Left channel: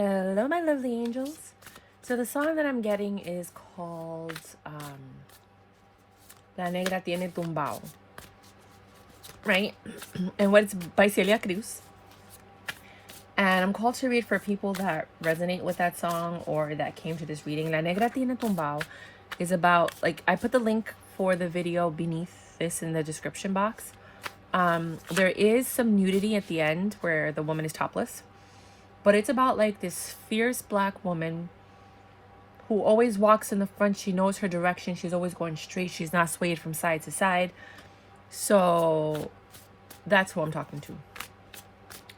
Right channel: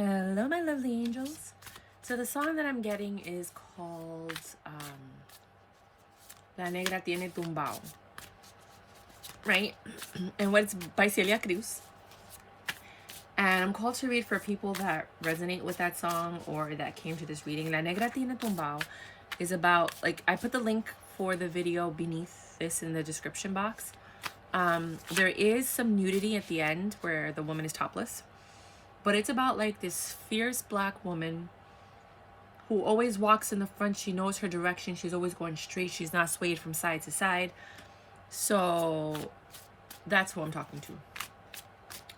Hello, my lovely angels. So the song that I'm getting is called La Negra Tiene Tumbao, right? And it's by Celia Cruz. And I'm called to read for people that resonate with that song or that came to this reading. La Negra Tiene Tumbao is about, like, I put the link for the video beneath this in the description box. There is some nudity at the end where the woman is topless. But it's about like this fierce black woman who always walks in the front. She knows her direction. She's always going straight. She's not swayed from side to side. So that's who I'm talking to.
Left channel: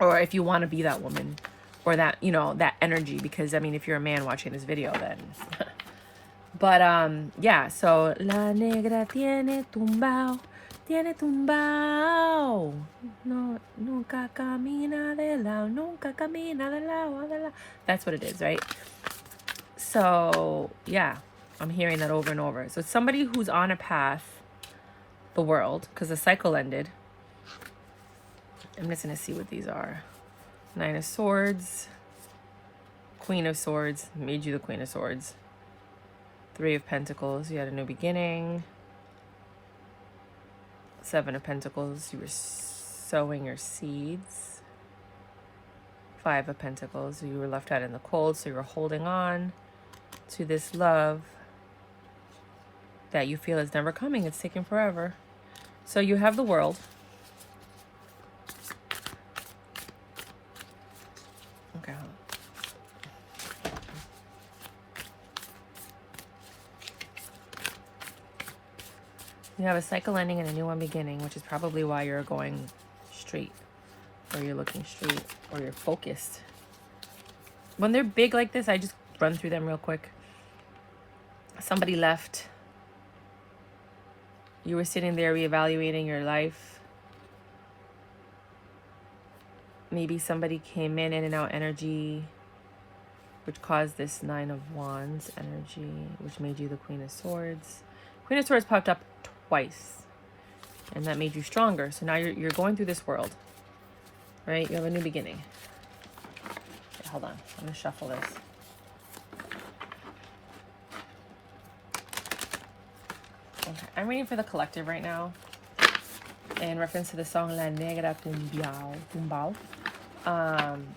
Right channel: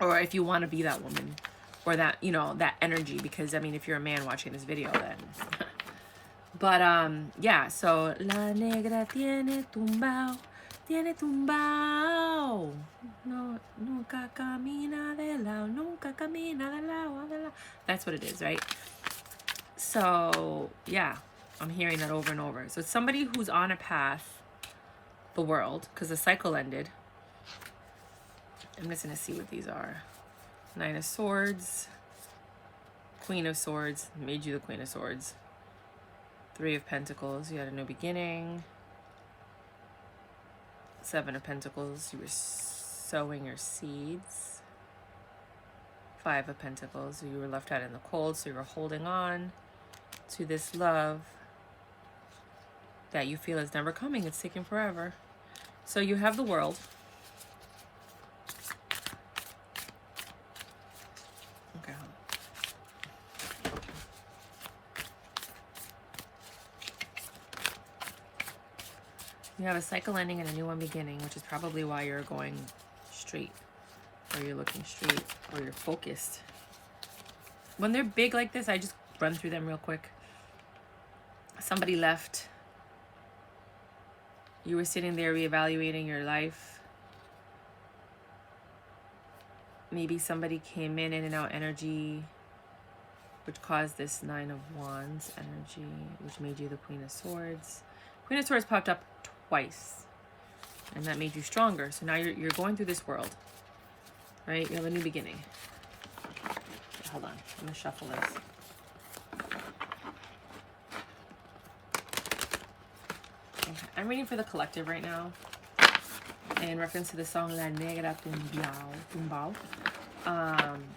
Or if you want to be that woman or that, you know, that energy, because I mean, if you're a man watching this video, then. But yeah, so La Negra tiene tumbao. Tiene tumbao, no, nunca camina de lado, nunca camina de lado, de lado. That's what it is, right? So, yeah, I'm hearing that over and over. So it's somebody who's on a path, the world, because the cycle ended. I'm just going to see what these are. Nine of Swords, Queen of Swords, made you the Queen of Swords. Three of Pentacles, you had a new beginning. Seven of Pentacles, you were sowing your seeds. Five of Pentacles, you were left out in the cold, so you were holding on to this love that you feel is never coming. It's taking forever. So you have the World. Okay, hold on. You have a cycle ending and a new one beginning, which is probably why you're going straight, or you're looking straight, or you're focused. When they're big like this, I just run through them real quick. Somebody left. You were sitting there reevaluating your life. Maybe somebody came in and out energy, which caused this Nine of Wands energy, which made you the Queen of Swords. Queen of Swords popped up twice, and that made you stronger. So now you're going through this world, right? You have a new beginning. Okay, hold on, I'm gonna shuffle this. Okay, I'm reading for the collective right now in reference to the song La Negra Tumbao.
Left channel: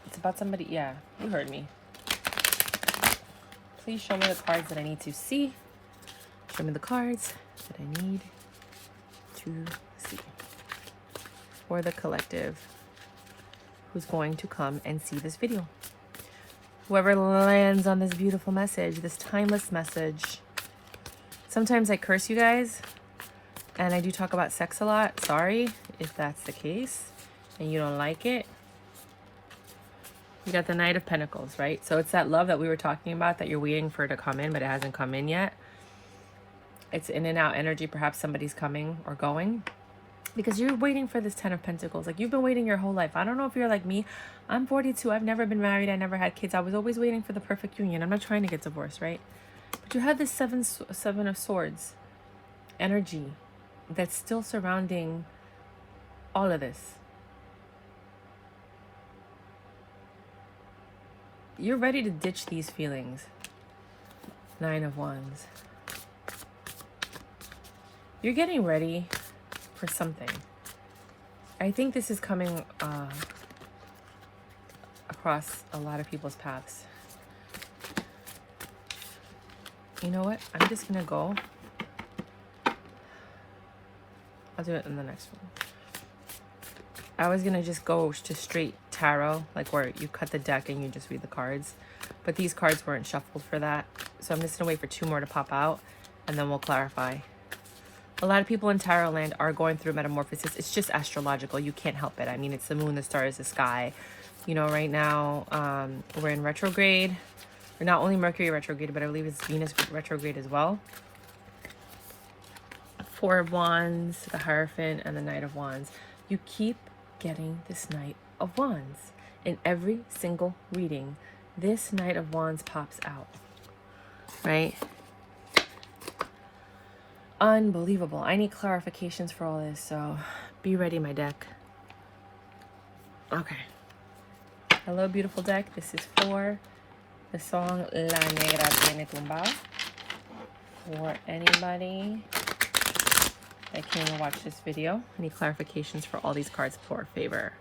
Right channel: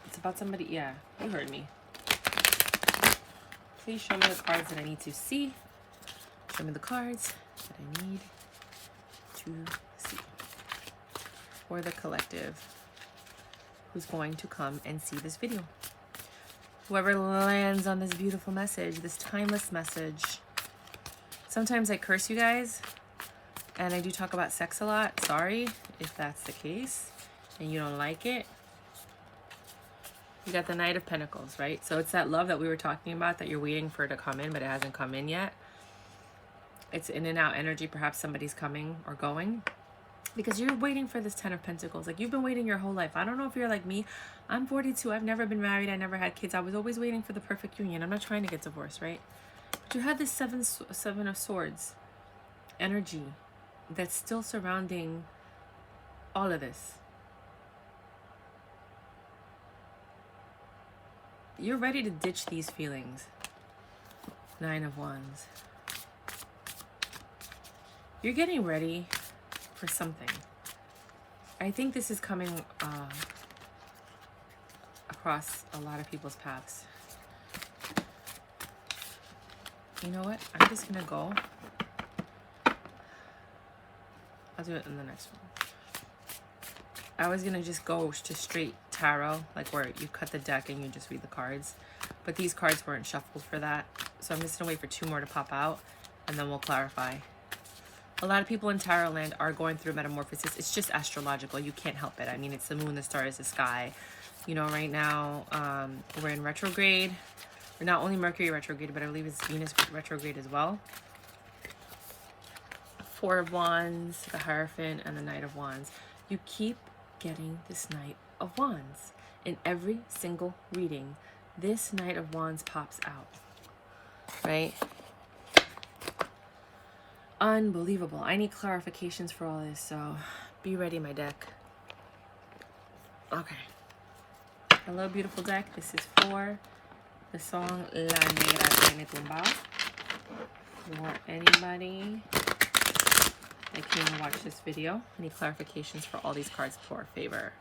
It's about somebody, yeah, you heard me. Please show me the cards that I need to see. Show me the cards that I need to see for the collective who's going to come and see this video. Whoever lands on this beautiful message, this timeless message. Sometimes I curse you guys, and I do talk about sex a lot. Sorry if that's the case and you don't like it. You got the Knight of Pentacles, right? So it's that love that we were talking about that you're waiting for to come in, but it hasn't come in yet. It's in and out energy. Perhaps somebody's coming or going because you're waiting for this Ten of Pentacles. Like, you've been waiting your whole life. I don't know if you're like me. I'm 42. I've never been married. I never had kids. I was always waiting for the perfect union. I'm not trying to get divorced, right? But you had this Seven of Swords energy that's still surrounding all of this. You're ready to ditch these feelings. Nine of Wands. You're getting ready for something. I think this is coming across a lot of people's paths. You know what? I'm just going to go. I'll do it in the next one. I was going to just go to straight tarot, like where you cut the deck and you just read the cards. But these cards weren't shuffled for that. So I'm just going to wait for two more to pop out, and then we'll clarify. A lot of people in tarot land are going through metamorphosis. It's just astrological. You can't help it. I mean, it's the moon, the stars, the sky. You know, right now we're in retrograde. We're not only Mercury retrograde, but I believe it's Venus retrograde as well. Four of Wands, the Hierophant, and the Knight of Wands. You keep getting this Knight of Wands. In every single reading, this Knight of Wands pops out. Right? Unbelievable. I need clarifications for all this, so be ready, my deck. Okay. Hello, beautiful deck. This is for the song La Negra Tiene Tumbao. For anybody that came to watch this video, any clarifications for all these cards for favor?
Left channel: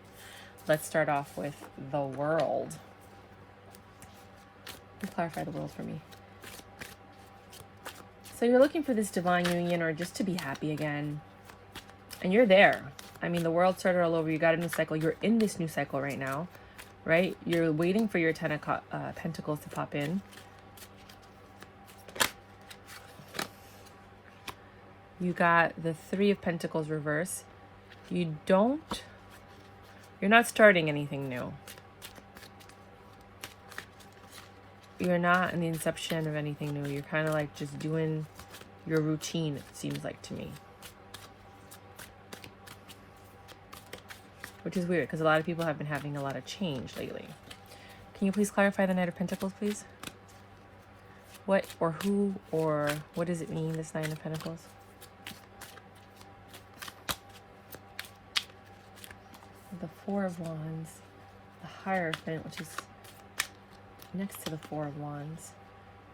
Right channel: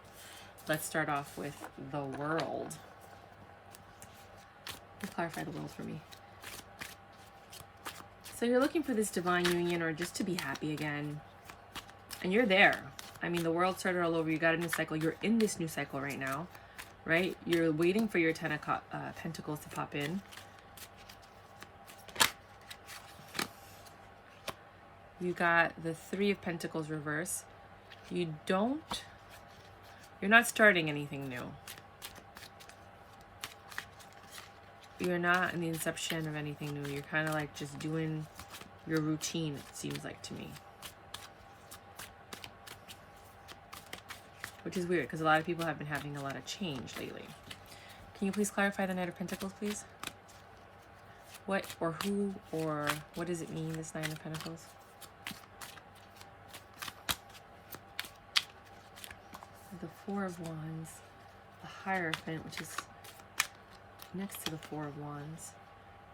Let's start off with the World. Clarify the World for me. So you're looking for this divine union or just to be happy again. And you're there. I mean, the World started all over. You got a new cycle. You're in this new cycle right now, right? You're waiting for your 10 of Pentacles to pop in. You got the 3 of Pentacles reverse. You're not starting anything new. You're not in the inception of anything new. You're kind of like just doing your routine, it seems like to me. Which is weird, because a lot of people have been having a lot of change lately. Can you please clarify the Knight of Pentacles, please? What or who or what does it mean, this Nine of Pentacles? The 4 of Wands, the Hierophant, which is next to the 4 of Wands,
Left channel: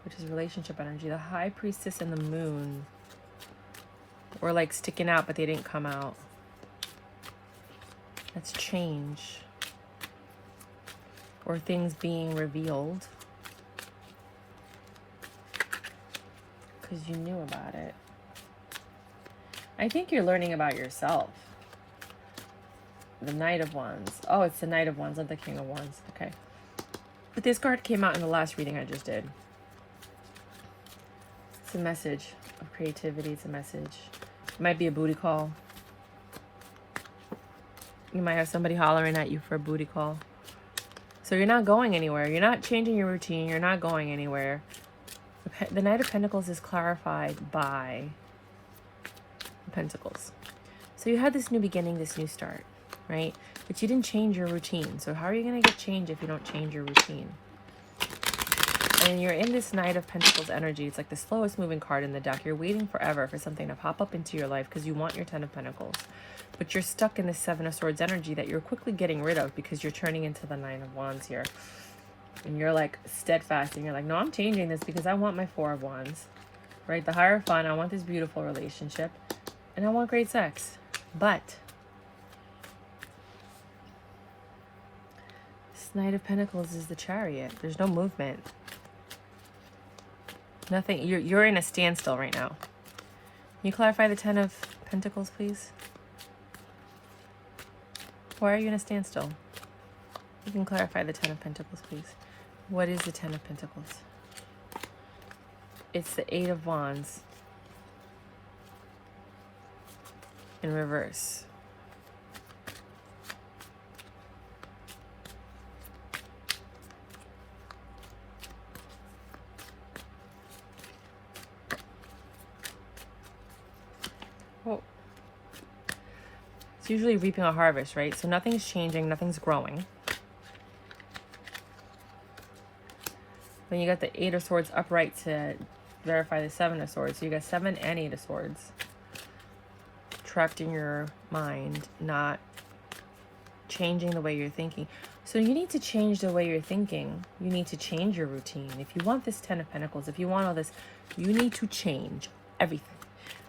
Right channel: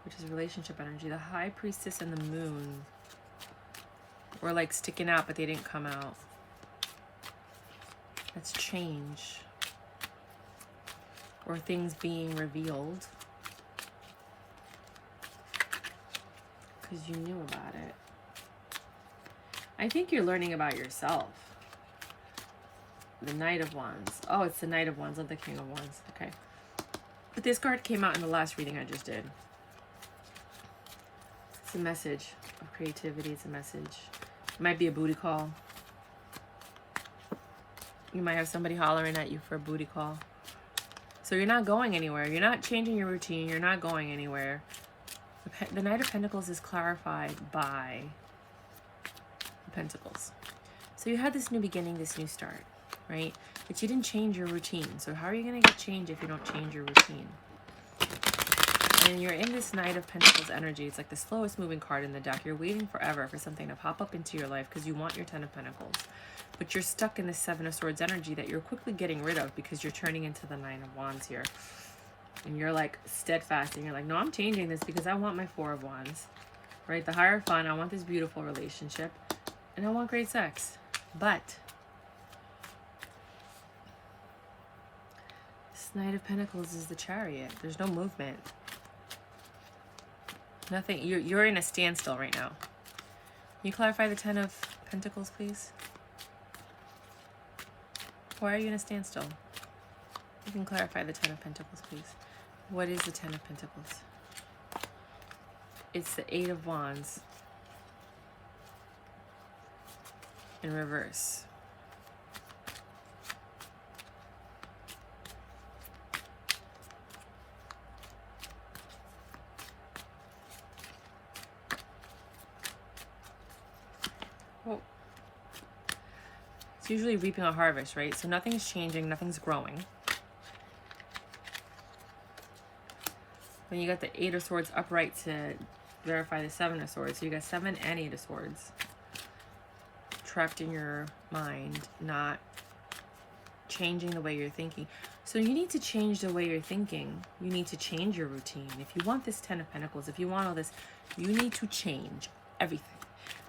which is relationship energy, the High Priestess and the Moon were like sticking out, but they didn't come out. That's change, or things being revealed because you knew about it. I think you're learning about yourself. The Knight of Wands. Oh, it's the Knight of Wands, not the King of Wands. Okay. But this card came out in the last reading I just did. It's a message of creativity. It's a message. It might be a booty call. You might have somebody hollering at you for a booty call. So you're not going anywhere. You're not changing your routine. You're not going anywhere. The Knight of Pentacles is clarified by the Pentacles. So you had this new beginning, this new start, right? But you didn't change your routine. So how are you going to get change if you don't change your routine? And you're in this Knight of Pentacles energy. It's like the slowest moving card in the deck. You're waiting forever for something to pop up into your life because you want your 10 of Pentacles. But you're stuck in the 7 of Swords energy that you're quickly getting rid of because you're turning into the 9 of Wands here. And you're like steadfast and you're like, no, I'm changing this because I want my 4 of Wands. Right? The Hierophant, I want this beautiful relationship. And I want great sex. But this Knight of Pentacles is the Chariot. There's no movement. Nothing. You're in a standstill right now. Can you clarify the 10 of Pentacles, please? Why are you in a standstill? You can clarify the 10 of Pentacles, please. What is the 10 of Pentacles? It's the 8 of Wands in reverse. Oh. It's usually reaping a harvest, right? So nothing's changing, nothing's growing. Then you got the 8 of Swords upright to verify the 7 of Swords. So you got 7 and 8 of Swords trapped in your mind, not changing the way you're thinking. So you need to change the way you're thinking. You need to change your routine. If you want this 10 of Pentacles, if you want all this, you need to change everything.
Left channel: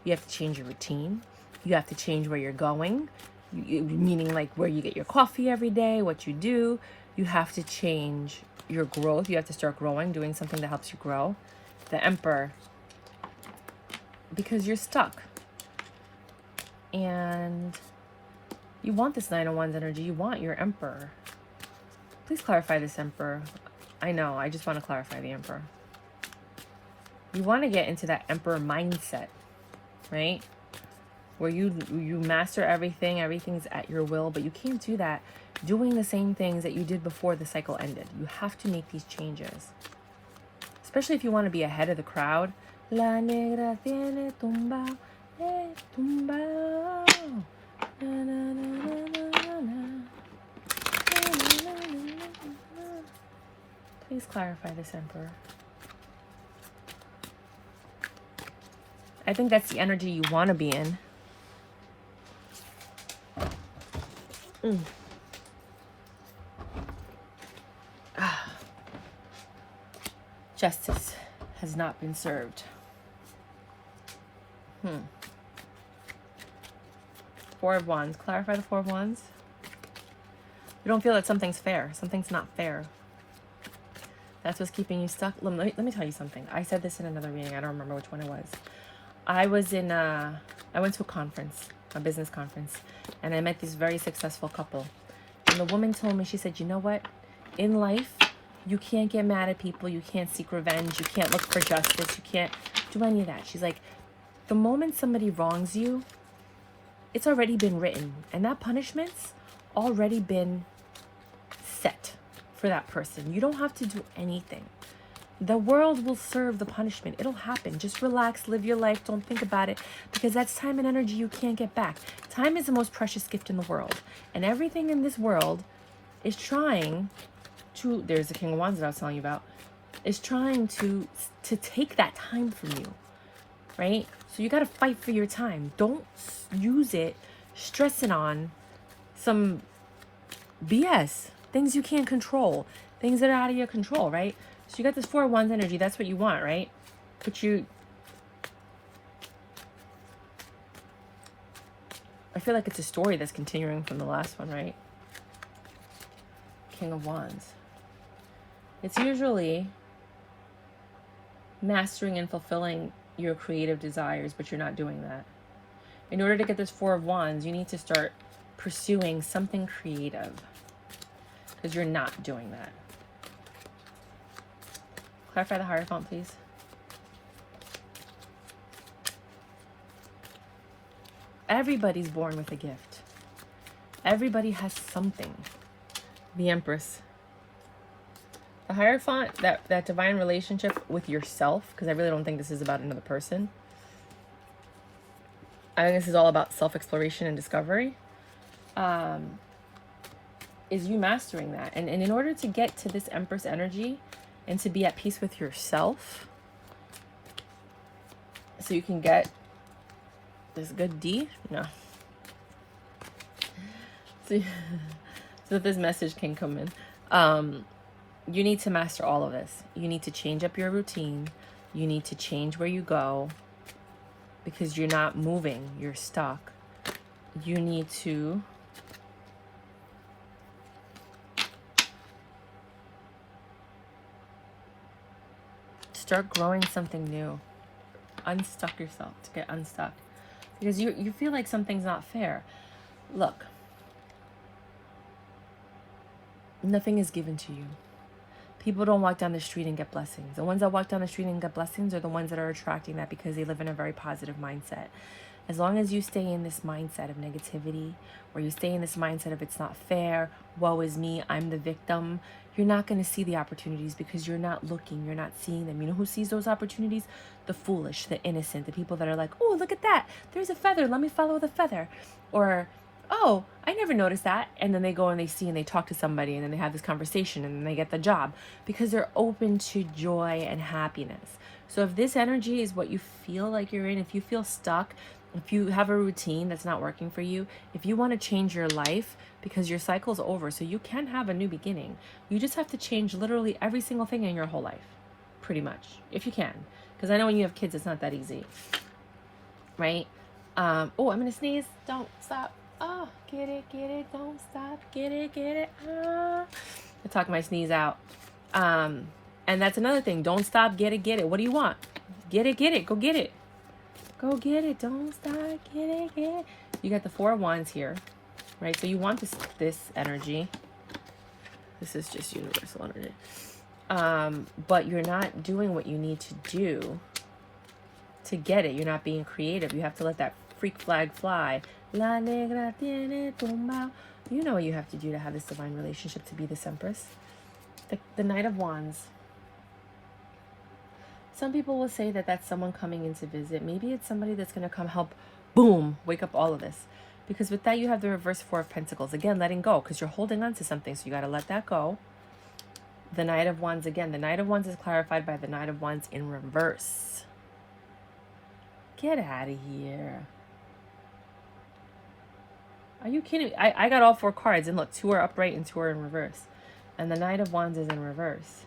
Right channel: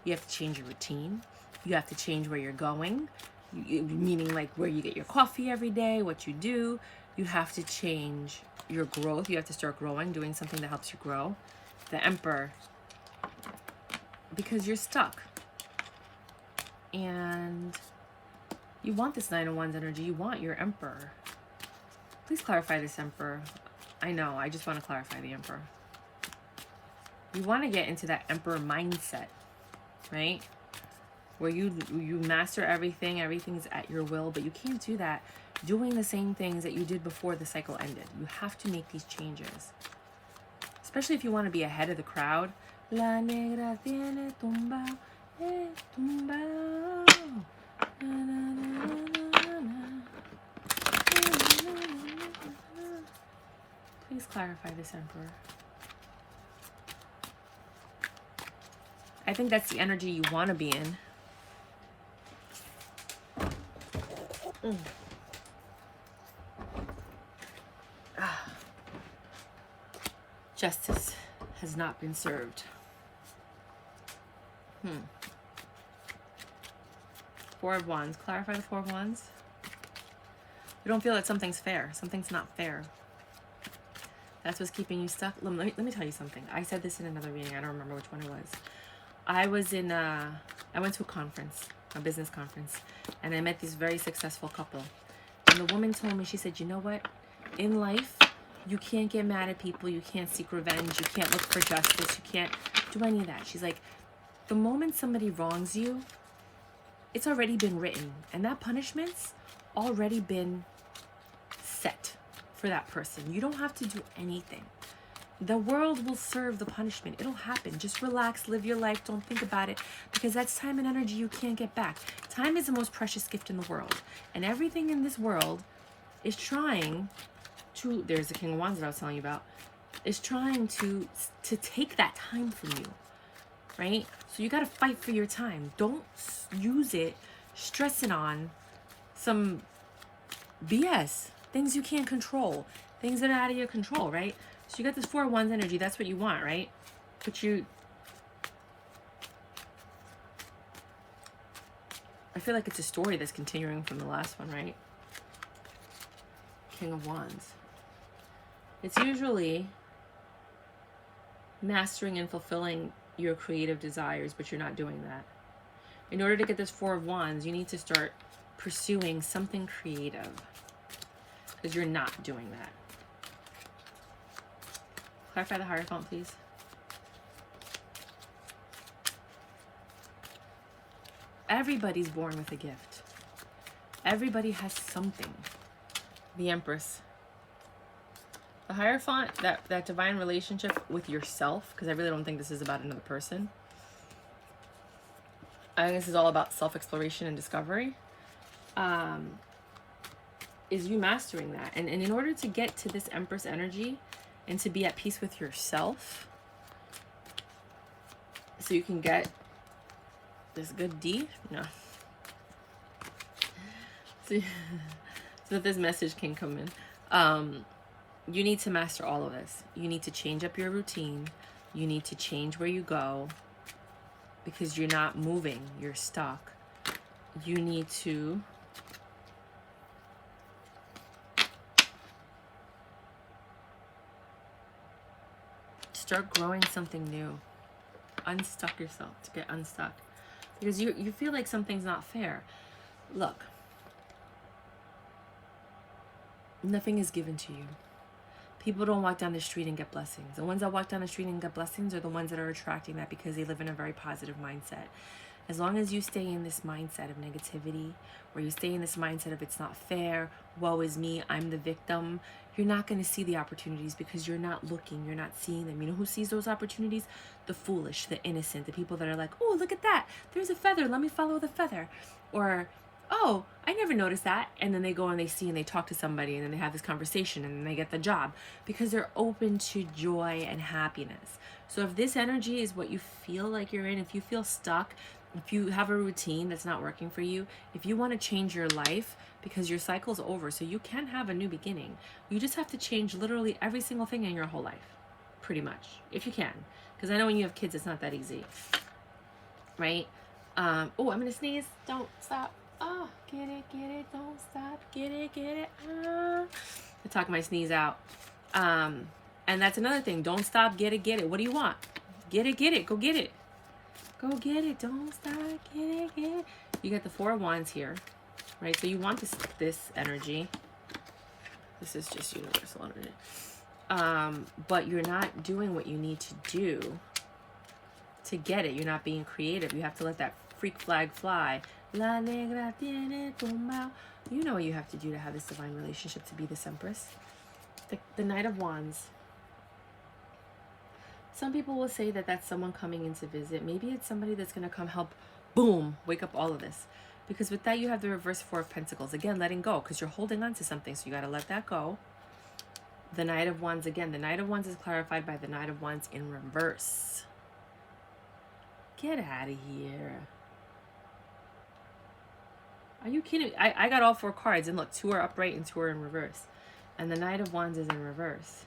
You have to change your routine. You have to change where you're going, meaning like where you get your coffee every day, what you do. You have to change your growth. You have to start growing, doing something that helps you grow. The Emperor, because you're stuck. And you want this 9 of Wands energy. You want your Emperor. Please clarify this Emperor. I know, I just want to clarify the Emperor. You want to get into that Emperor mindset, right? Where you master everything, everything's at your will, but you can't do that doing the same things that you did before the cycle ended. You have to make these changes. Especially if you want to be ahead of the crowd. La negra tiene tumbao, tumbao. Na, na, na, na, na, na. Please clarify this, Emperor. I think that's the energy you want to be in. Justice has not been served. Four of Wands. Clarify the Four of Wands. You don't feel that something's fair. Something's not fair. That's what's keeping you stuck. Let me tell you something. I said this in another meeting. I don't remember which one it was. I went to a conference, a business conference, and I met this very successful couple. And the woman told me, she said, you know what? In life, you can't get mad at people. You can't seek revenge. You can't look for justice. You can't do any of that. She's like, the moment somebody wrongs you, it's already been written. And that punishment's already been set for that person. You don't have to do anything. The world will serve the punishment. It'll happen. Just relax, live your life. Don't think about it, because that's time and energy you can't get back. Time is the most precious gift in the world. And everything in this world is trying to, there's the King of Wands that I was telling you about, is trying to take that time from you, right? So you got to fight for your time. Don't use it stressing on some BS, things you can't control, things that are out of your control, right? So you got this Four of Wands energy. That's what you want, right? But I feel like it's a story that's continuing from the last one, right? King of Wands. It's usually mastering and fulfilling your creative desires, but you're not doing that. In order to get this Four of Wands, you need to start pursuing something creative, because you're not doing that. Clarify the Hierophant, please. Everybody's born with a gift. Everybody has something. The Empress. The Hierophant, that divine relationship with yourself, because I really don't think this is about another person. I think this is all about self-exploration and discovery. Is you mastering that. And in order to get to this Empress energy and to be at peace with yourself, so you can get this good D, no. So that this message can come in. You need to master all of this. You need to change up your routine. You need to change where you go, because you're not moving, you're stuck. You need to start growing something new. Unstuck yourself, to get unstuck, because you feel like something's not fair. Look, nothing is given to you. People don't walk down the street and get blessings. The ones that walk down the street and get blessings are the ones that are attracting that, because they live in a very positive mindset. As long as you stay in this mindset of negativity, or you stay in this mindset of it's not fair, woe is me, I'm the victim, you're not going to see the opportunities, because you're not looking, you're not seeing them. You know who sees those opportunities? The foolish, the innocent, the people that are like, oh, look at that, there's a feather, let me follow the feather. Or, oh, I never noticed that. And then they go and they see and they talk to somebody, and then they have this conversation, and then they get the job, because they're open to joy and happiness. So if this energy is what you feel like you're in, if you feel stuck, if you have a routine that's not working for you, if you want to change your life, because your cycle's over, so you can have a new beginning, you just have to change literally every single thing in your whole life, pretty much, if you can. Because I know when you have kids, it's not that easy, right? Oh, I'm gonna sneeze. Don't stop. Oh, get it, don't stop. Get it. Oh. I talk my sneeze out. And that's another thing. Don't stop. Get it. What do you want? Get it. Go get it. Go get it. Don't stop. Get it. You got the Four of Wands here, right? So you want this energy. This is just universal energy. But you're not doing what you need to do to get it. You're not being creative. You have to let that freak flag fly. La negra, tiene, tumbao. You know what you have to do to have this divine relationship, to be this Empress. The Knight of Wands. Some people will say that that's someone coming in to visit. Maybe it's somebody that's going to come help, boom, wake up all of this. Because with that, you have the reverse Four of Pentacles. Again, letting go, because you're holding on to something, so you got to let that go. The Knight of Wands again. The Knight of Wands is clarified by the Knight of Wands in reverse. Get out of here. Are you kidding me? I got all four cards, and look, two are upright and two are in reverse. And the Knight of Wands is in reverse.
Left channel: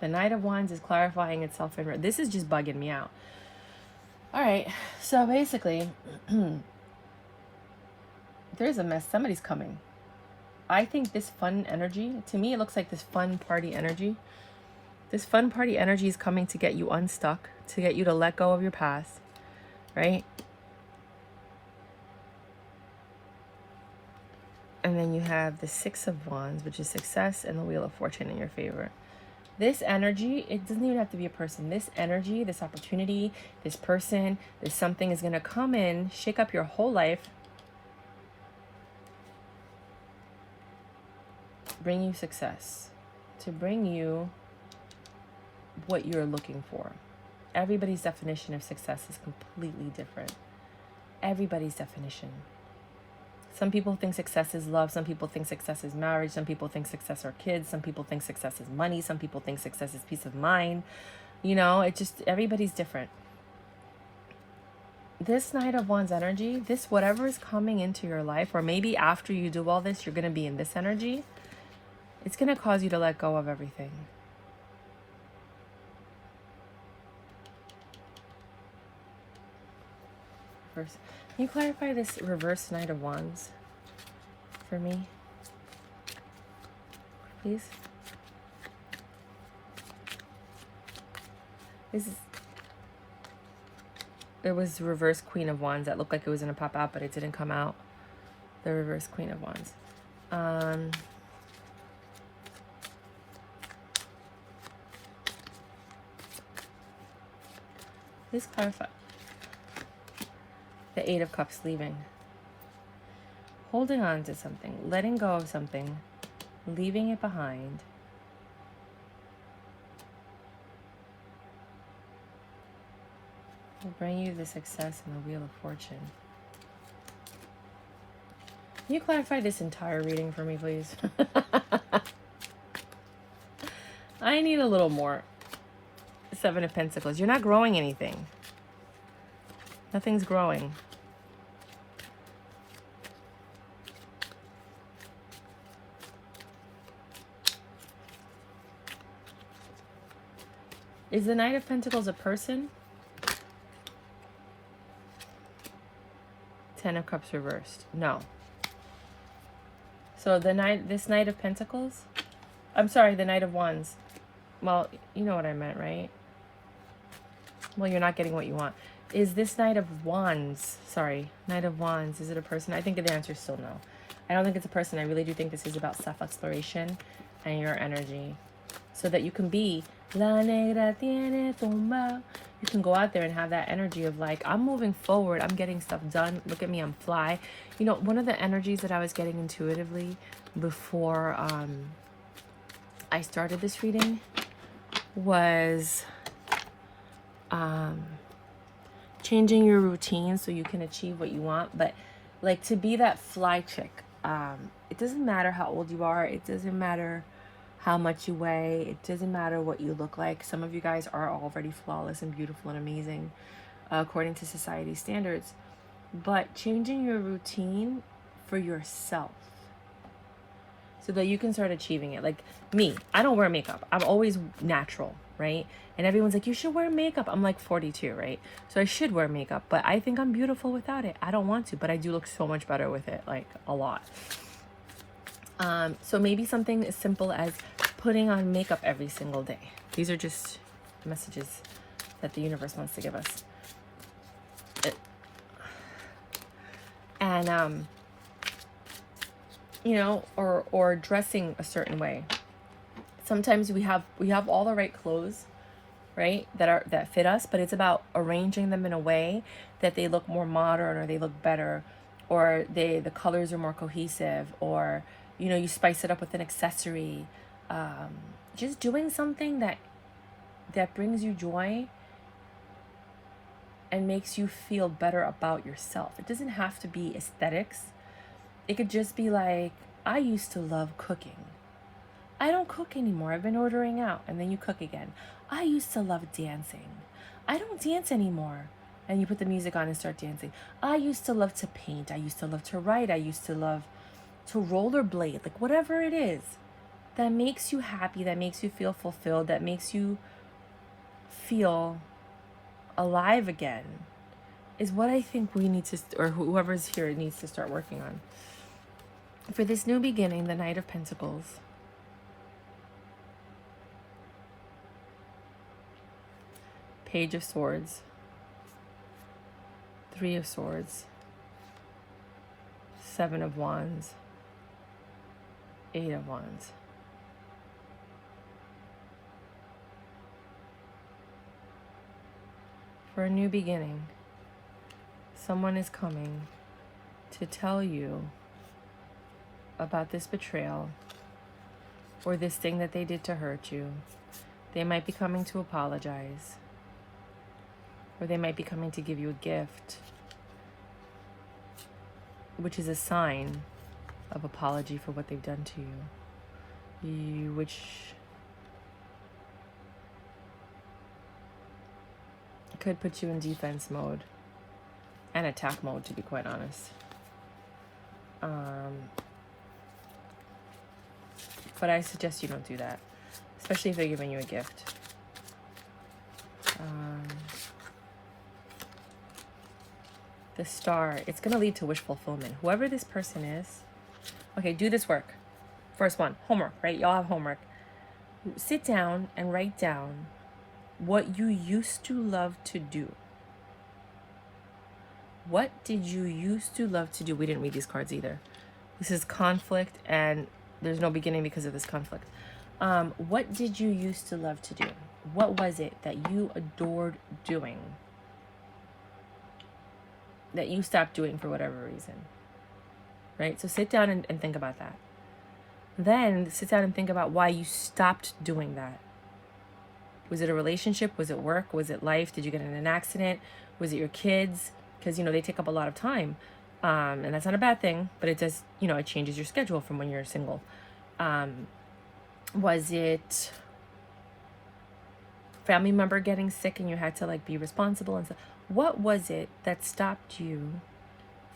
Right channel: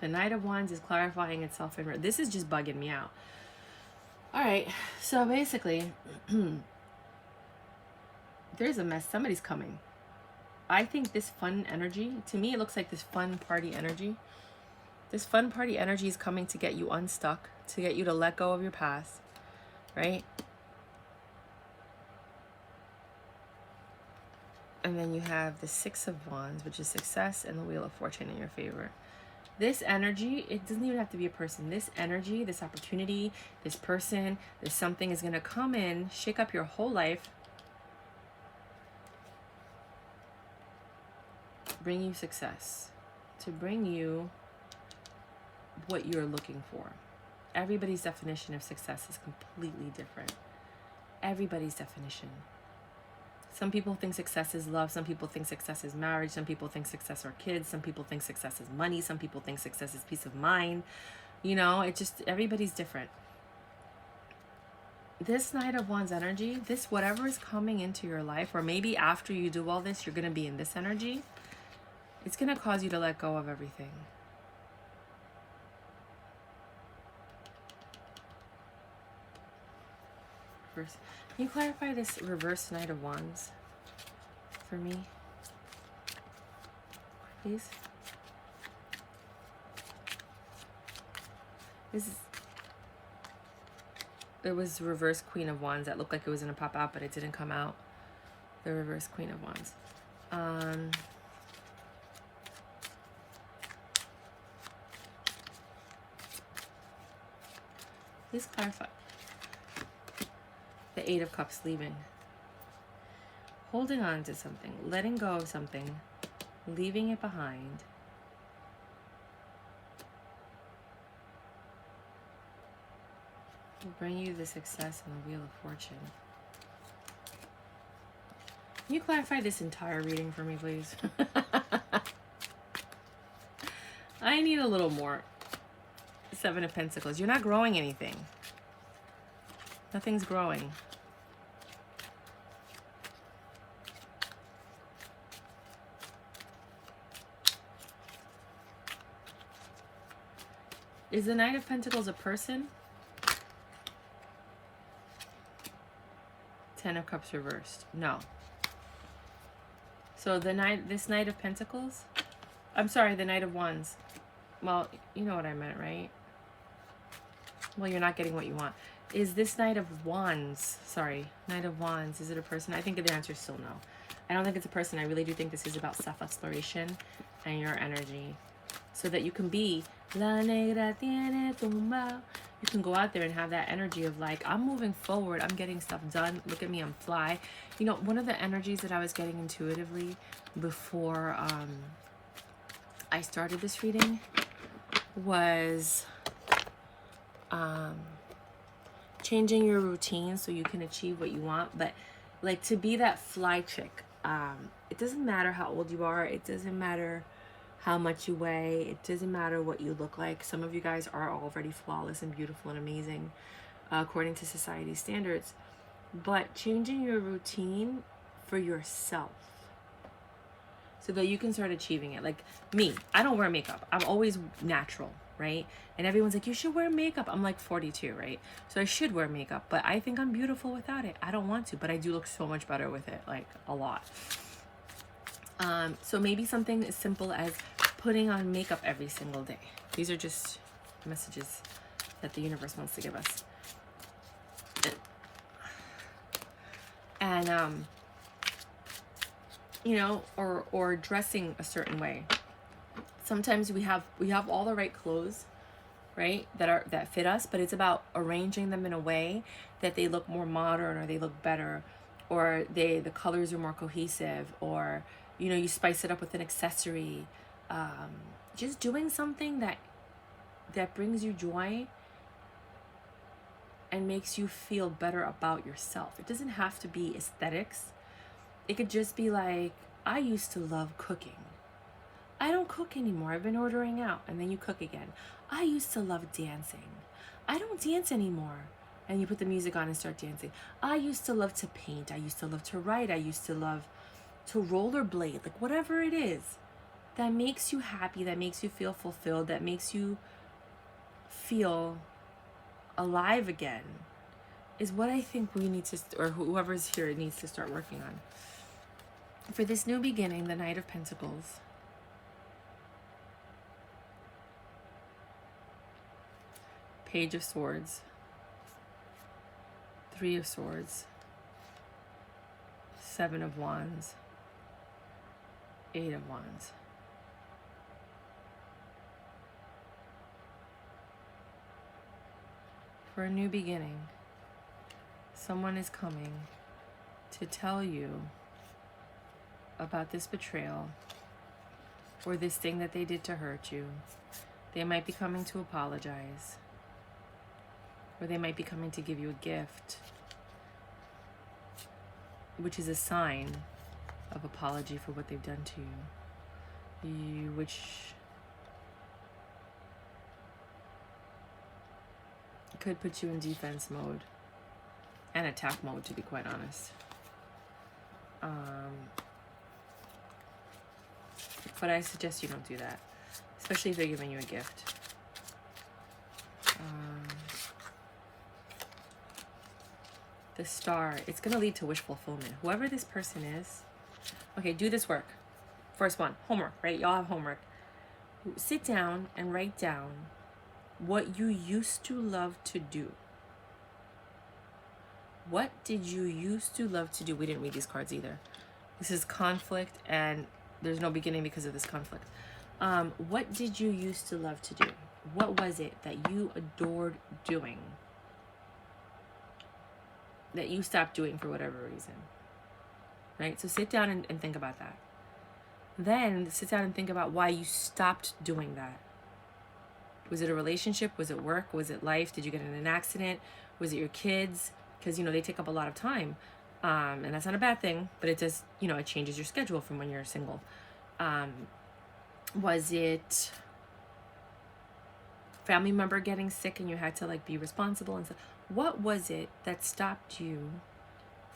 The Knight of Wands is clarifying itself in... This is just bugging me out. All right. So basically, there's a mess. Somebody's coming. I think this fun energy, to me, it looks like this fun party energy. This fun party energy is coming to get you unstuck, to get you to let go of your past, right? And then you have the Six of Wands, which is success, and the Wheel of Fortune in your favor. This energy, it doesn't even have to be a person. This energy, this opportunity, this person, this something is going to come in, shake up your whole life, bring you success, to bring you what you're looking for. Everybody's definition of success is completely different. Everybody's definition. Some people think success is love. Some people think success is marriage. Some people think success are kids. Some people think success is money. Some people think success is peace of mind. You know, it just, everybody's different. This Knight of Wands energy, this whatever is coming into your life, or maybe after you do all this, you're going to be in this energy. It's going to cause you to let go of everything. First, can you clarify this reverse Knight of Wands for me, please? It was reverse Queen of Wands that looked like it was going to pop out, but it didn't come out. The reverse Queen of Wands. Please clarify. The Eight of Cups, leaving. Holding on to something, letting go of something, leaving it behind. Will bring you the success and the Wheel of Fortune. Can you clarify this entire reading for me, please? I need a little more. Seven of Pentacles. You're not growing anything. Nothing's growing. Is the Knight of Pentacles a person? Ten of Cups reversed. No. So the this Knight of Pentacles, I'm sorry, the Knight of Wands. Well, you know what I meant, right? Well, you're not getting what you want. Is this Knight of Wands, sorry, Knight of Wands, is it a person? I think the answer is still no. I don't think it's a person. I really do think this is about self-exploration and your energy. So that you can be la negra, tiene, tumbao. You can go out there and have that energy of like, I'm moving forward. I'm getting stuff done. Look at me, I'm fly. You know, one of the energies that I was getting intuitively before I started this reading was changing your routine so you can achieve what you want. But like to be that fly chick, it doesn't matter how old you are. It doesn't matter how much you weigh. It doesn't matter what you look like. Some of you guys are already flawless and beautiful and amazing according to society's standards. But changing your routine for yourself so that you can start achieving it. Like me, I don't wear makeup. I'm always natural, right? And everyone's like, you should wear makeup. I'm like 42, right? So I should wear makeup, but I think I'm beautiful without it. I don't want to, but I do look so much better with it, like a lot. So maybe something as simple as putting on makeup every single day. These are just messages that the universe wants to give us. And, you know, or dressing a certain way. Sometimes we have all the right clothes, right, that fit us, but it's about arranging them in a way that they look more modern, or they look better, or the colors are more cohesive, or you know, you spice it up with an accessory. Just doing something that brings you joy and makes you feel better about yourself. It doesn't have to be aesthetics. It could just be like, I used to love cooking. I don't cook anymore. I've been ordering out. And then you cook again. I used to love dancing. I don't dance anymore. And you put the music on and start dancing. I used to love to paint. I used to love to write. I used to love to rollerblade. Like whatever it is. that makes you happy, that makes you feel fulfilled, that makes you feel alive again, is what I think we need to, or whoever's here needs to start working on. For this new beginning, the Knight of Pentacles, Page of Swords, Three of Swords, Seven of Wands, Eight of Wands. For a new beginning, someone is coming to tell you about this betrayal or this thing that they did to hurt you. They might be coming to apologize, or they might be coming to give you a gift, which is a sign of apology for what they've done to you, which could put you in defense mode and attack mode, to be quite honest. But I suggest you don't do that, especially if they're giving you a gift. The Star, it's going to lead to wish fulfillment. Whoever this person is, okay, do this work. First one, homework, right? Y'all have homework. Sit down and write down what you used to love to do. What did you used to love to do? We didn't read these cards either. This is conflict, and there's no beginning because of this conflict. What did you used to love to do? What was it that you adored doing that you stopped doing for whatever reason? Right? So sit down and think about that. Then sit down and think about why you stopped doing that. Was it a relationship? Was it work? Was it life? Did you get in an accident? Was it your kids? Because, you know, they take up a lot of time. And that's not a bad thing, but it does, you know, it changes your schedule from when you're single. Was it family member getting sick and you had to like be responsible and stuff? What was it that stopped you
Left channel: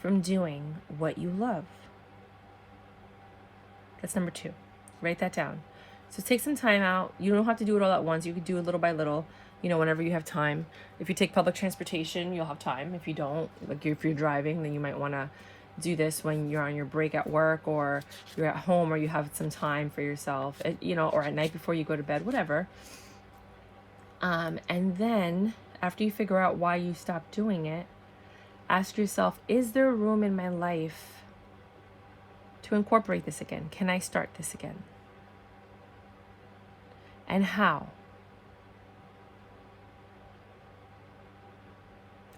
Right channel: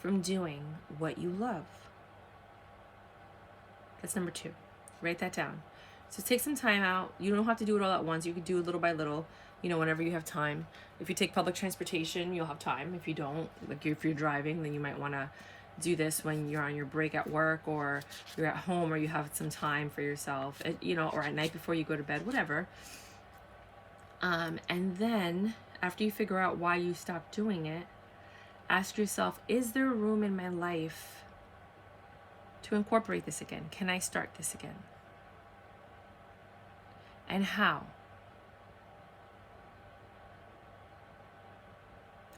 from doing what you love? That's number 2. Write that down. So take some time out. You don't have to do it all at once. You can do it little by little, you know, whenever you have time. If you take public transportation, you'll have time. If you don't, like if you're driving, then you might want to do this when you're on your break at work, or you're at home, or you have some time for yourself, you know, or at night before you go to bed, whatever. And then after you figure out why you stopped doing it, ask yourself, is there room in my life to incorporate this again? Can I start this again? And how?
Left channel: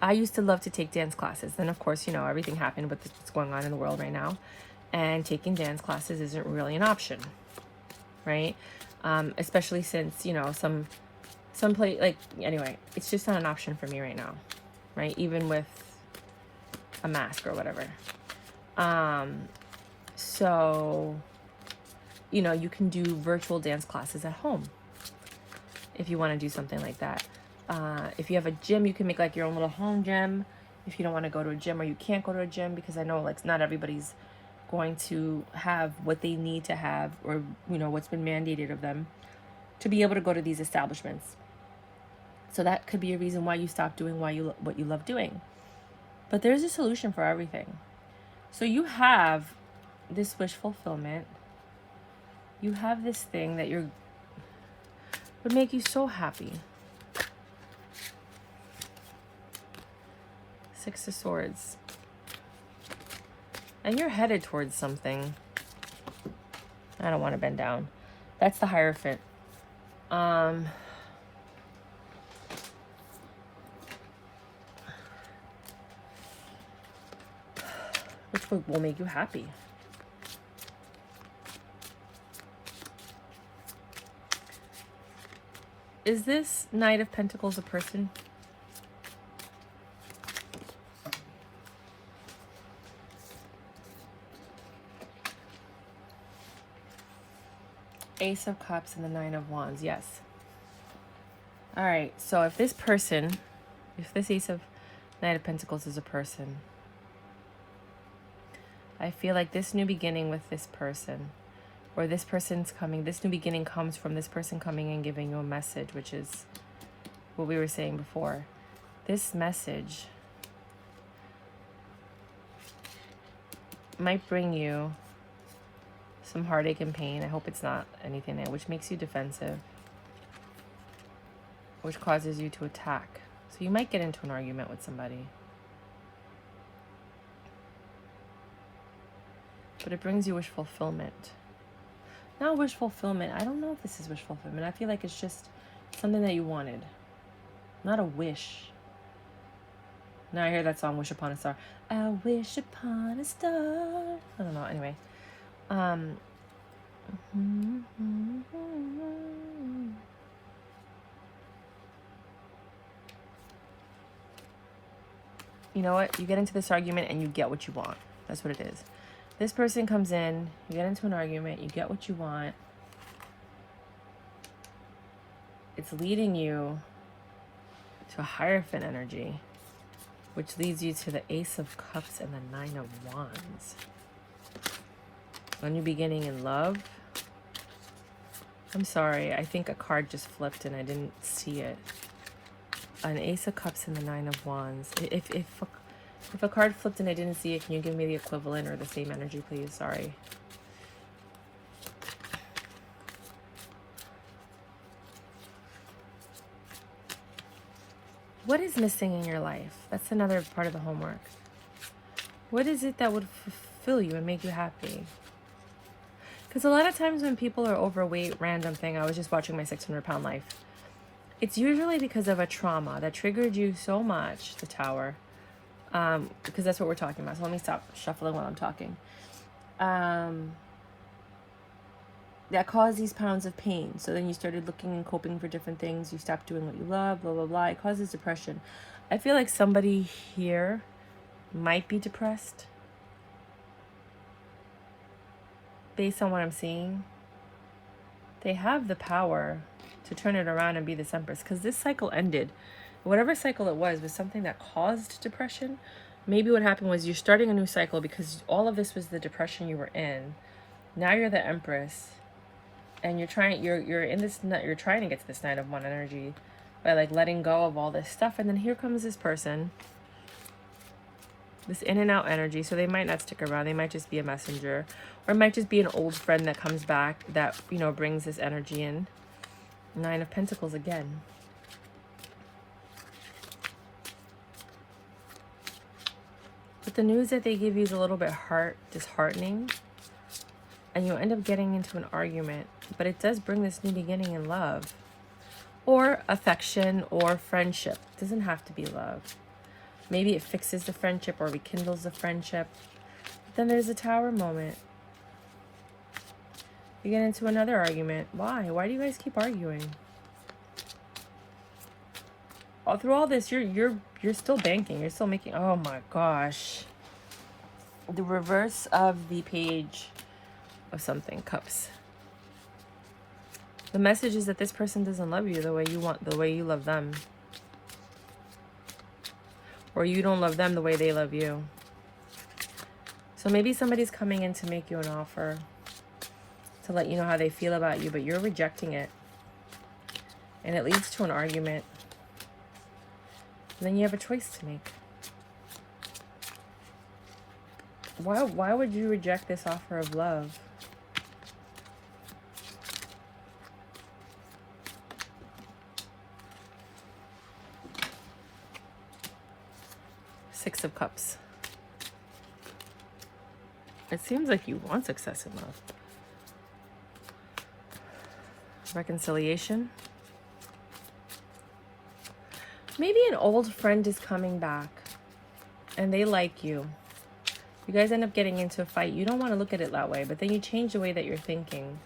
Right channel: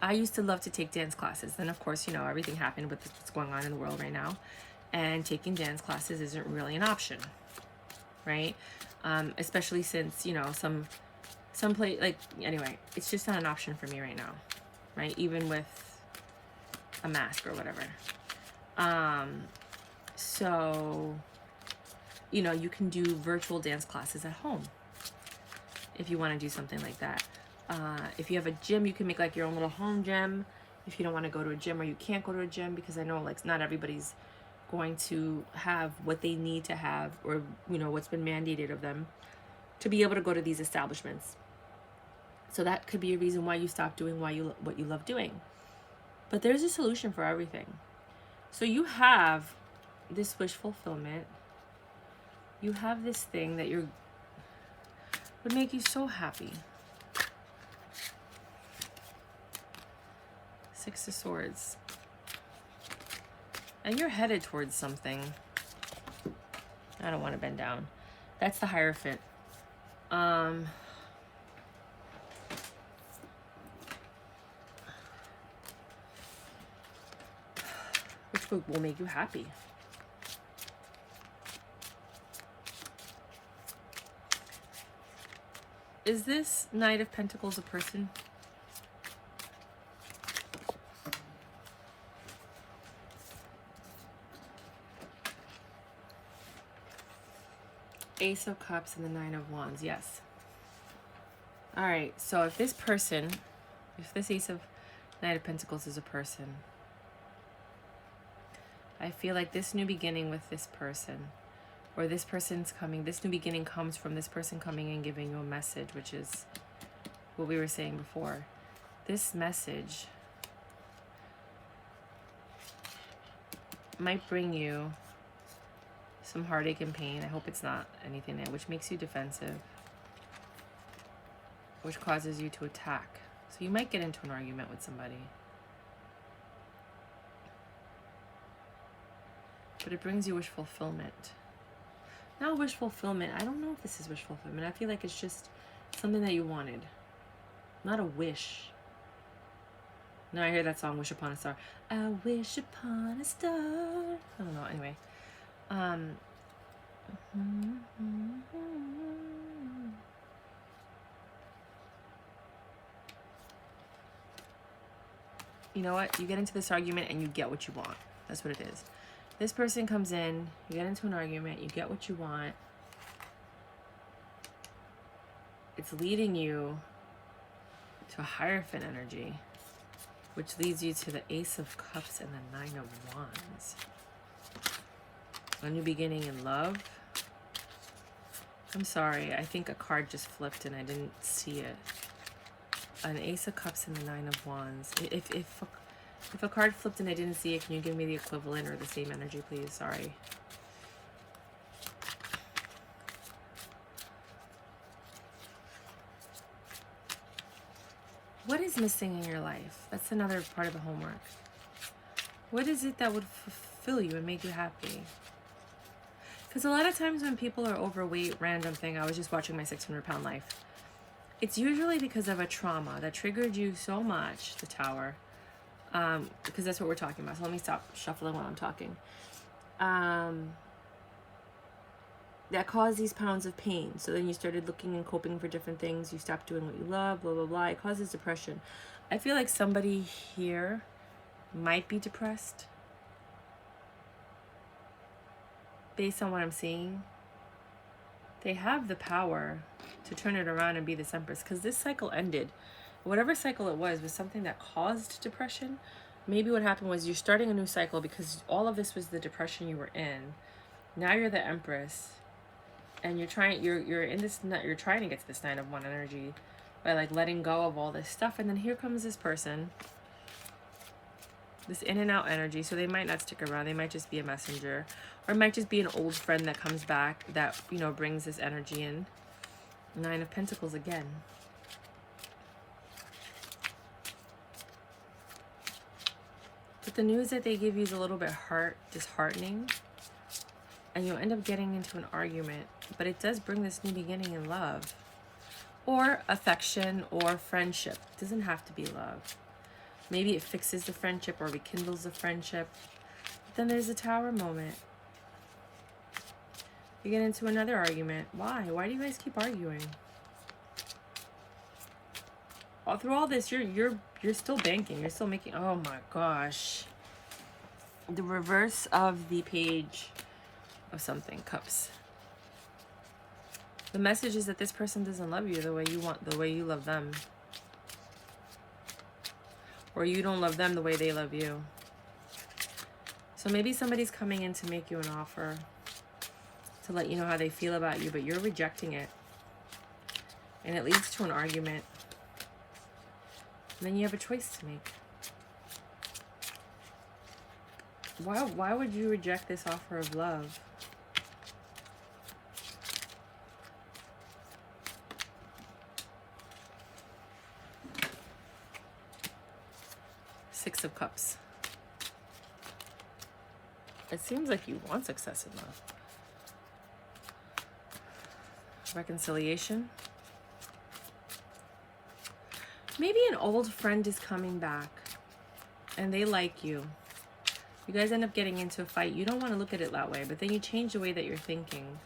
I used to love to take dance classes. Then, of course, you know, everything happened with what's going on in the world right now. And taking dance classes isn't really an option, right? Especially since, you know, some place, like, anyway, it's just not an option for me right now, right? Even with a mask or whatever. So, you know, you can do virtual dance classes at home if you want to do something like that. If you have a gym, you can make like your own little home gym. If you don't want to go to a gym, or you can't go to a gym, because I know like not everybody's going to have what they need to have, or, you know, what's been mandated of them to be able to go to these establishments. So that could be a reason why you stop doing what you love doing. But there's a solution for everything. So you have this wish fulfillment. You have this thing that would make you so happy. 6 of Swords. And you're headed towards something. I don't want to bend down. That's the Hierophant. Which will make you happy. Is this Knight of Pentacles a person? Ace of Cups and the 9 of Wands, yes. All right, so if this Ace of Knight of Pentacles is a person, I feel like this new beginning with this person Or this person's coming, this new beginning comes from this person coming and giving you a message, which is what we were saying before. This message might bring you some heartache and pain. I hope it's not anything which makes you defensive, which causes you to attack. So you might get into an argument with somebody. But it brings you wish fulfillment. Not wish fulfillment. I don't know if this is wish fulfillment. I feel like it's just something that you wanted. Not a wish. Now I hear that song, Wish Upon a Star. I wish upon a star. I don't know. Anyway. You know what? You get into this argument and you get what you want. That's what it is. This person comes in, you get into an argument, you get what you want. It's leading you to a Hierophant energy, which leads you to the Ace of Cups and the Nine of Wands. A new beginning in love. I'm sorry, I think a card just flipped and I didn't see it. An Ace of Cups and the Nine of Wands. If a card flipped and I didn't see it, can you give me the equivalent or the same energy, please? Sorry. What is missing in your life? That's another part of the homework. What is it that would fulfill you and make you happy? Because a lot of times when people are overweight, random thing, I was just watching my 600-pound life. It's usually because of a trauma that triggered you so much, the Tower. Because that's what we're talking about. So let me stop shuffling while I'm talking. That caused these pounds of pain. So then you started looking and coping for different things. You stopped doing what you love, blah, blah, blah. It causes depression. I feel like somebody here might be depressed. Based on what I'm seeing. They have the power to turn it around and be this Empress. Because this cycle ended. Whatever cycle it was something that caused depression. Maybe what happened was you're starting a new cycle because all of this was the depression you were in. Now you're the Empress, and you're trying to get to this Nine of Wands energy by like letting go of all this stuff. And then here comes this person, this in and out energy. So they might not stick around. They might just be a messenger, or it might just be an old friend that comes back that, you know, brings this energy in. Nine of Pentacles again. But the news that they give you is a little bit disheartening. And you'll end up getting into an argument. But it does bring this new beginning in love. Or affection or friendship. It doesn't have to be love. Maybe it fixes the friendship or rekindles the friendship. But then there's a Tower moment. You get into another argument. Why? Why do you guys keep arguing? All through all this, you're still banking. You're still making. Oh my gosh. The reverse of the Page of something, Cups. The message is that this person doesn't love you the way you want, the way you love them, or you don't love them the way they love you. So maybe somebody's coming in to make you an offer, to let you know how they feel about you, but you're rejecting it, and it leads to an argument. And then you have a choice to make. Why would you reject this offer of love? Six of Cups. It seems like you want success in love. Reconciliation. Maybe an old friend is coming back and they like you. You guys end up getting into a fight. You don't want to look at it that way, but then you change the way that you're thinking.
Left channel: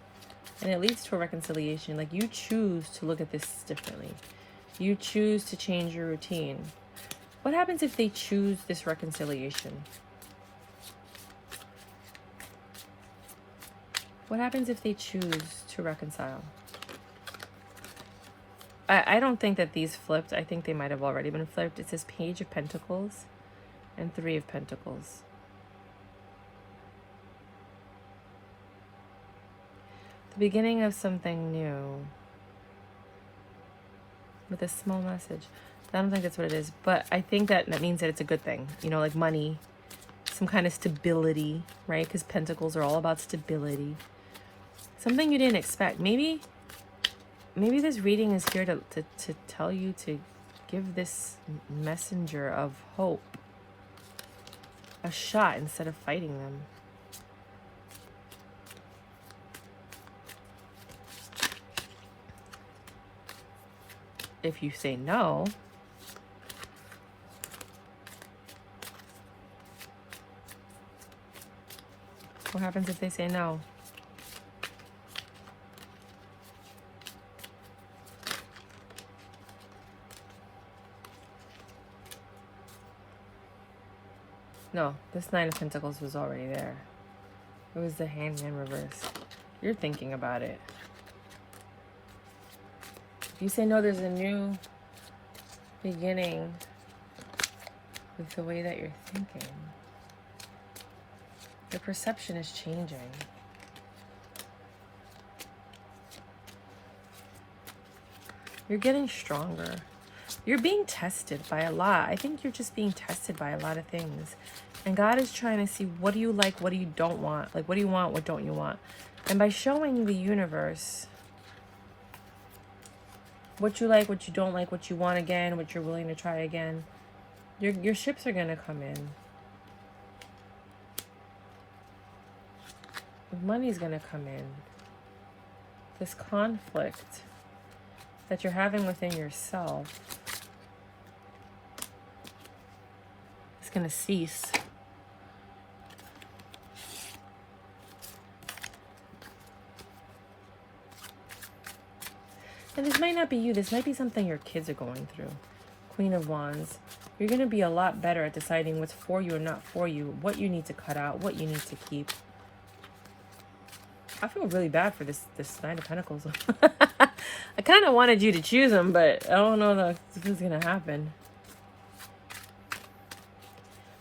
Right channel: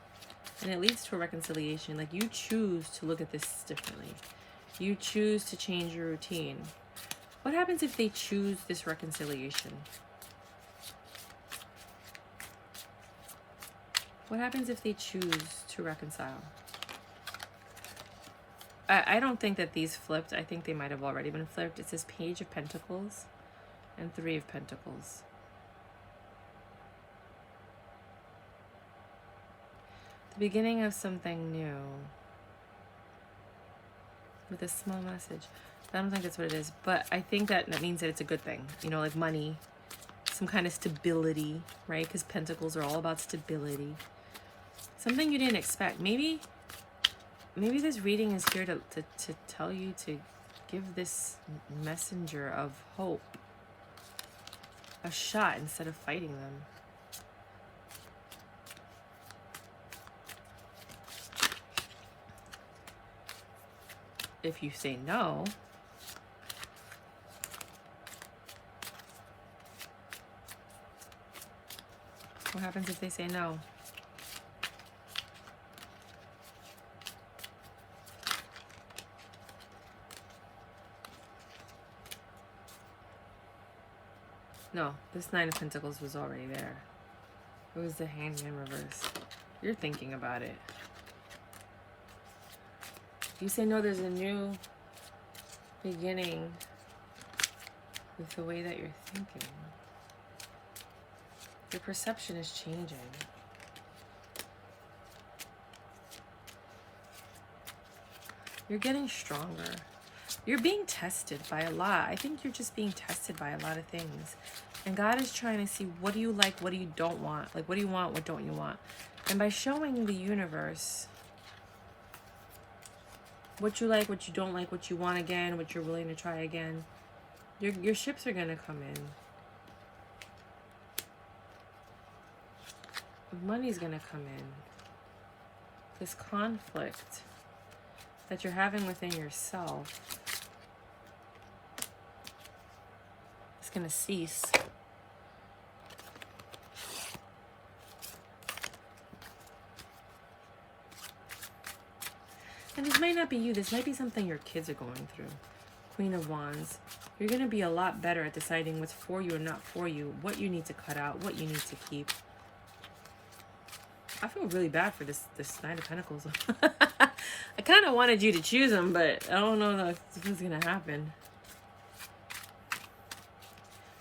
And it leads to a reconciliation. Like, you choose to look at this differently. You choose to change your routine. What happens if they choose this reconciliation? What happens if they choose to reconcile? I don't think that these flipped. I think they might have already been flipped. It says Page of Pentacles and Three of Pentacles. The beginning of something new. With a small message. I don't think that's what it is. But I think that means that it's a good thing. You know, like money. Some kind of stability, right? Because pentacles are all about stability. Something you didn't expect. Maybe this reading is here to tell you to give this messenger of hope a shot instead of fighting them. If you say no, what happens if they say no? No, this Nine of Pentacles was already there. It was the Hanged in reverse. You're thinking about it. You say no, there's a new beginning with the way that you're thinking. Your perception is changing. You're getting stronger. You're being tested by a lot. I think you're just being tested by a lot of things. And God is trying to see, what do you like, what do you don't want? Like, what do you want, what don't you want? And by showing the universe what you like, what you don't like, what you want again, what you're willing to try again, your ships are going to come in. Money's going to come in. This conflict that you're having within yourself is going to cease. And this might not be you. This might be something your kids are going through. Queen of Wands. You're going to be a lot better at deciding what's for you and not for you. What you need to cut out. What you need to keep. I feel really bad for this Nine of Pentacles. I kind of wanted you to choose them, but I don't know if this is going to happen.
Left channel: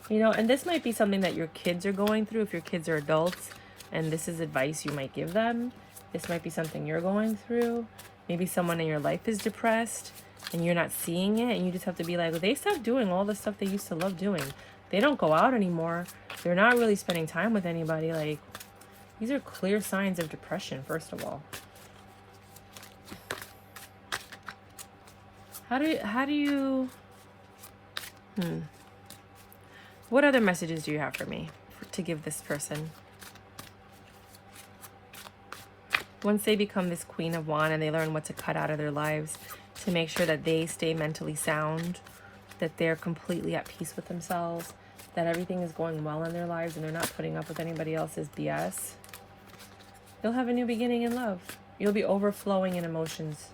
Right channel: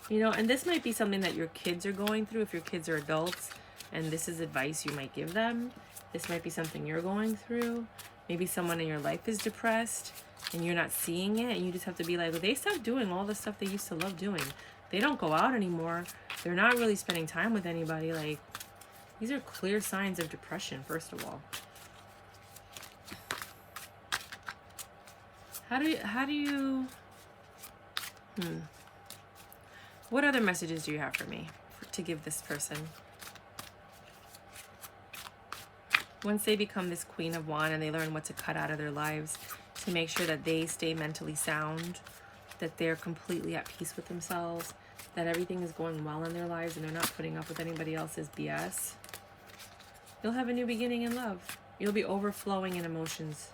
You know, and this might be something that your kids are going through if your kids are adults, and this is advice you might give them. This might be something you're going through. Maybe someone in your life is depressed and you're not seeing it, and you just have to be like, well, they stopped doing all the stuff they used to love doing. They don't go out anymore. They're not really spending time with anybody. Like, these are clear signs of depression, first of all. How do you what other messages do you have for me to give this person? Once they become this Queen of Wands and they learn what to cut out of their lives to make sure that they stay mentally sound, that they're completely at peace with themselves, that everything is going well in their lives and they're not putting up with anybody else's BS, you'll have a new beginning in love. You'll be overflowing in emotions,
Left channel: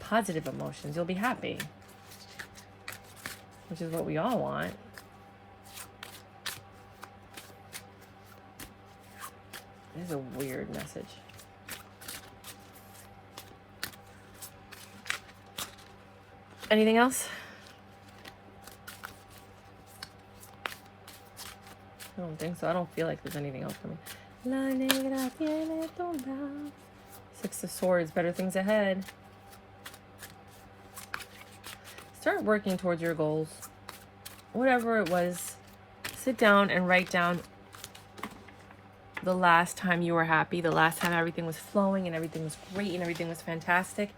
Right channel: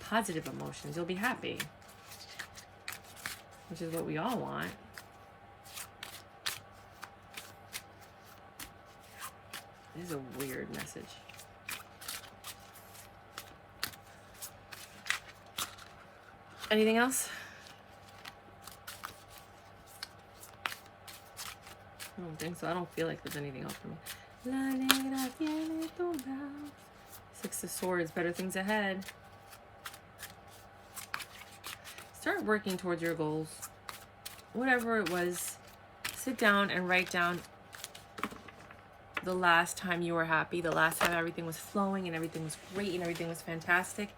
positive emotions. You'll be happy, which is what we all want. This is a weird message. Anything else? I don't think so. I don't feel like there's anything else for me. La negra tiene tumbao. Six of Swords, better things ahead. Start working towards your goals. Whatever it was, sit down and write down the last time you were happy, the last time everything was flowing and everything was great and everything was fantastic.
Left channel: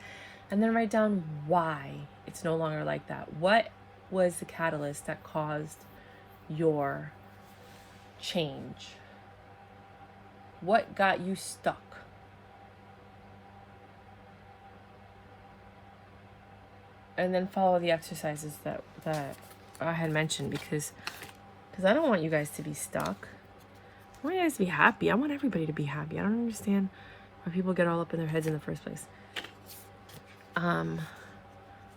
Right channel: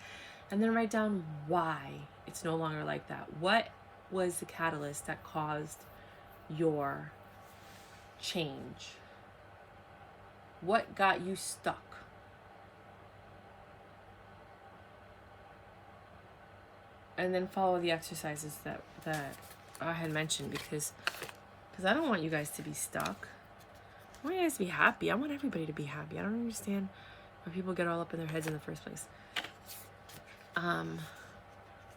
And then write down why it's no longer like that. What was the catalyst that caused your change? What got you stuck? And then follow the exercises that I had mentioned, because I don't want you guys to be stuck. I want you guys to be happy. I want everybody to be happy. I don't understand why people get all up in their heads in the first place.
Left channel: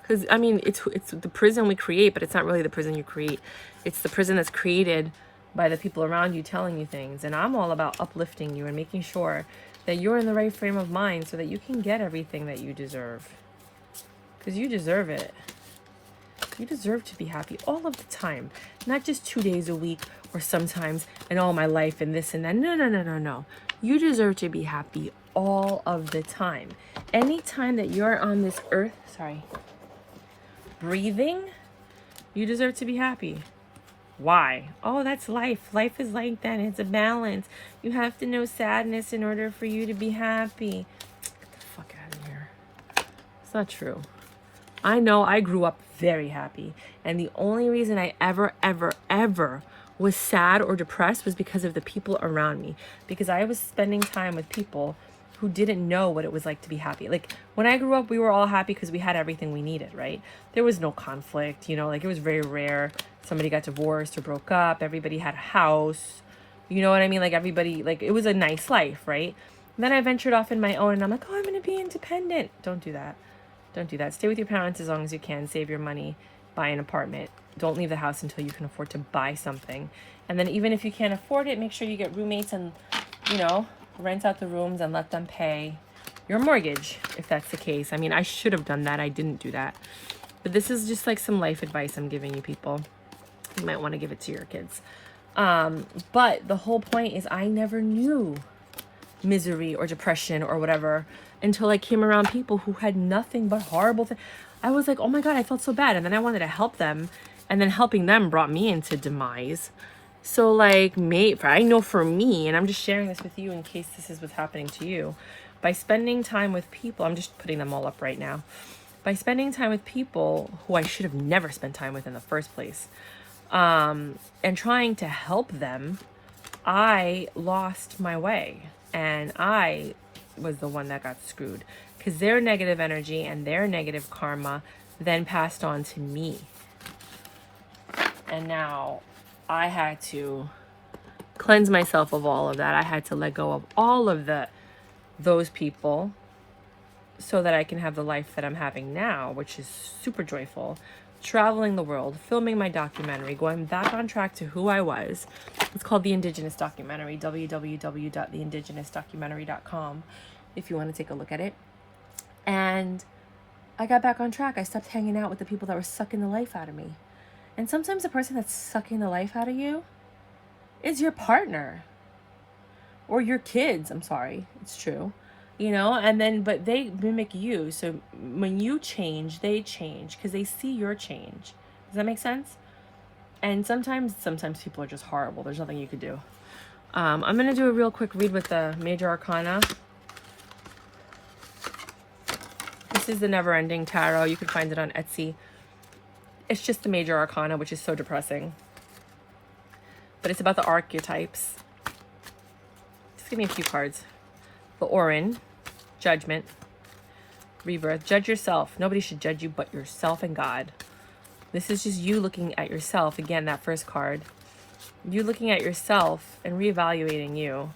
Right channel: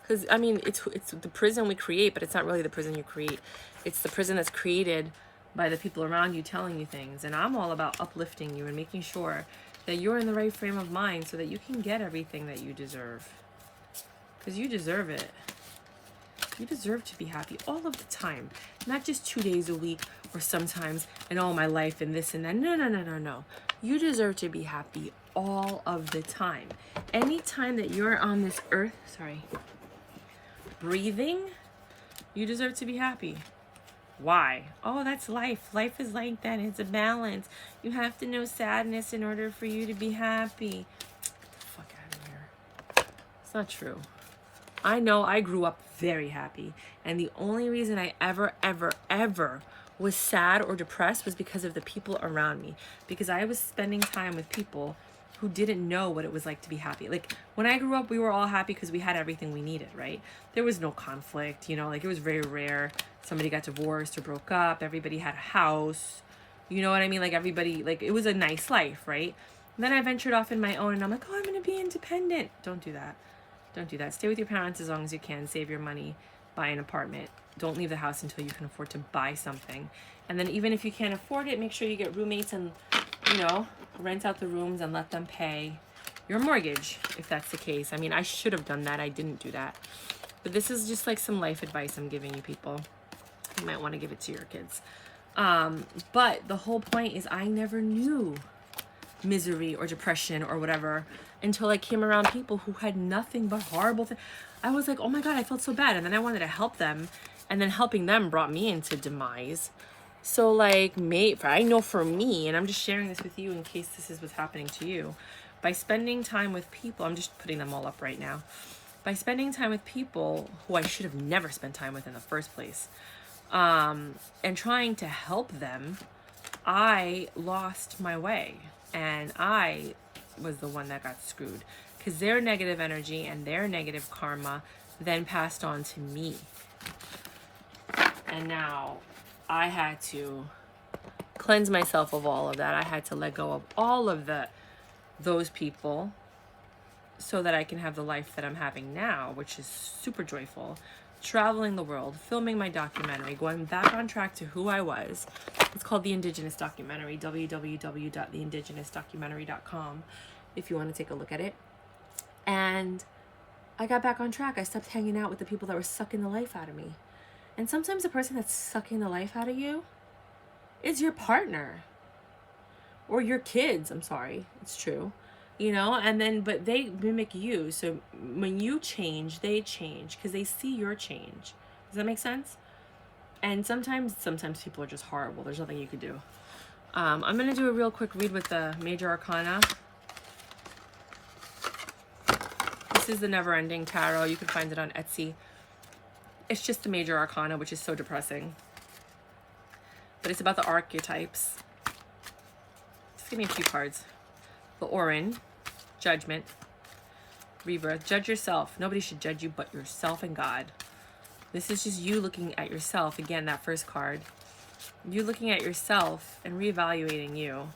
Because I mean, it's the prison we create, but it's not really the prison you create. It's the prison that's created by the people around you telling you things. And I'm all about uplifting you and making sure that you're in the right frame of mind so that you can get everything that you deserve. Because you deserve it. You deserve to be happy all of the time, not just 2 days a week or sometimes in all my life and this and that. No. You deserve to be happy all of the time. Anytime that you're on this earth, breathing, you deserve to be happy. Why? Oh, that's life. Life is like that. It's a balance. You have to know sadness in order for you to be happy. Get the fuck out of here. It's not true. I know I grew up very happy. And the only reason I ever was sad or depressed was because of the people around me. Because I was spending time with people who didn't know what it was like to be happy. Like, when I grew up, we were all happy because we had everything we needed, right? There was no conflict, you know, like, it was very rare. Somebody got divorced or broke up. Everybody had a house. You know what I mean? Like, everybody, like, it was a nice life, right? And then I ventured off in my own, and I'm like, oh, I'm going to be independent. Don't do that. Don't do that. Stay with your parents as long as you can. Save your money. Buy an apartment. Don't leave the house until you can afford to buy something. And then even if you can't afford it, make sure you get roommates and, you know, rent out the rooms and let them pay your mortgage, if that's the case. I mean, I should have done that. I didn't do that. But this is just like some life advice I'm giving you people. You might want to give it to your kids. But the whole point is I never knew misery or depression or whatever until I came around people who had nothing but horrible things. I was like, oh my God, I felt so bad. And then I wanted to help them. And then helping them brought me into demise. So like, I know for me, and I'm just sharing this with you in case this is what's happening to you, by spending time with people, I'm just putting them all up right now, by spending time with people who I should have never spent time with in the first place, and trying to help them, I lost my way, and I was the one that got screwed, because their negative energy and their negative karma then passed on to me. And now I had to cleanse myself of all of that. I had to let go of all of those people so that I can have the life that I'm having now, which is super joyful. Traveling the world, filming my documentary, going back on track to who I was. It's called The Indigenous Documentary, www.theindigenousdocumentary.com, if you want to take a look at it. And I got back on track. I stopped hanging out with the people that were sucking the life out of me. And sometimes the person that's sucking the life out of you is your partner or your kids. I'm sorry. It's true. You know, and then, but they mimic you. So when you change, they change because they see your change. Does that make sense? And sometimes people are just horrible. There's nothing you could do. I'm going to do a real quick read with the Major Arcana. This is the Never Ending Tarot. You can find it on Etsy. It's just the Major Arcana, which is so depressing. But it's about the archetypes. Just give me a few cards. The Orin, Judgment, Rebirth. Judge yourself. Nobody should judge you but yourself and God. This is just you looking at yourself. Again, that first card. You looking at yourself and reevaluating you.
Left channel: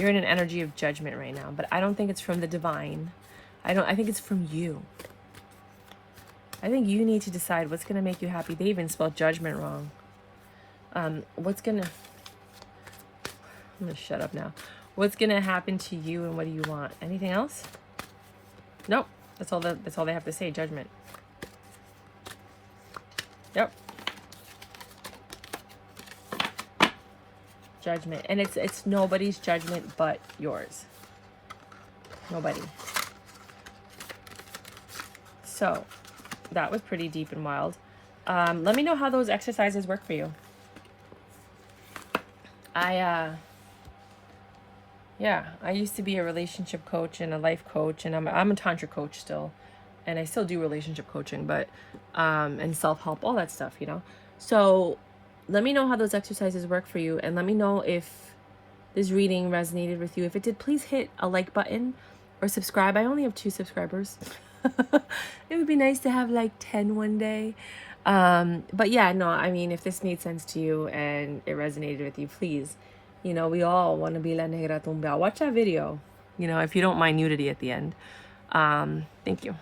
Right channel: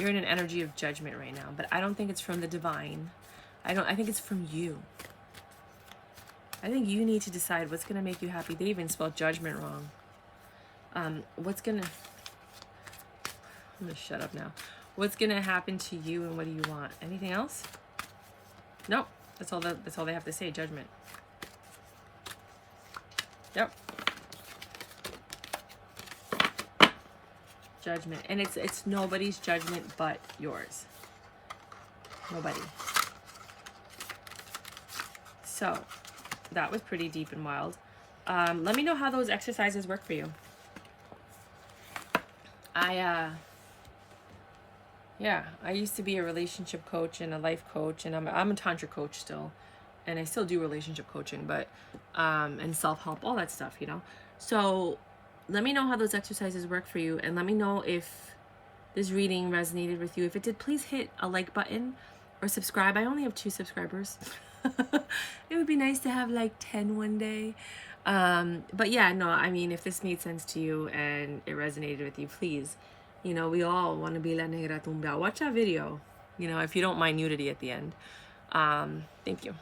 You're in an energy of judgment right now, but I don't think it's from the divine. I think it's from you. I think you need to decide what's going to make you happy. They even spelled judgment wrong. I'm going to shut up now. What's going to happen to you and what do you want? Anything else? Nope. That's all they have to say. Judgment. Yep. Judgment. And it's nobody's judgment but yours. Nobody. So that was pretty deep and wild. Let me know how those exercises work for you. I used to be a relationship coach and a life coach, and I'm a tantra coach still, and I still do relationship coaching, but and self-help, all that stuff, you know. So let me know how those exercises work for you, and let me know if this reading resonated with you. If it did, please hit a like button or subscribe. I only have 2 subscribers. It would be nice to have like 10 one day. But yeah, no, I mean, if this made sense to you and it resonated with you, please, you know, we all want to be la negra tumbao. Watch that video, you know, if you don't mind nudity at the end. Thank you.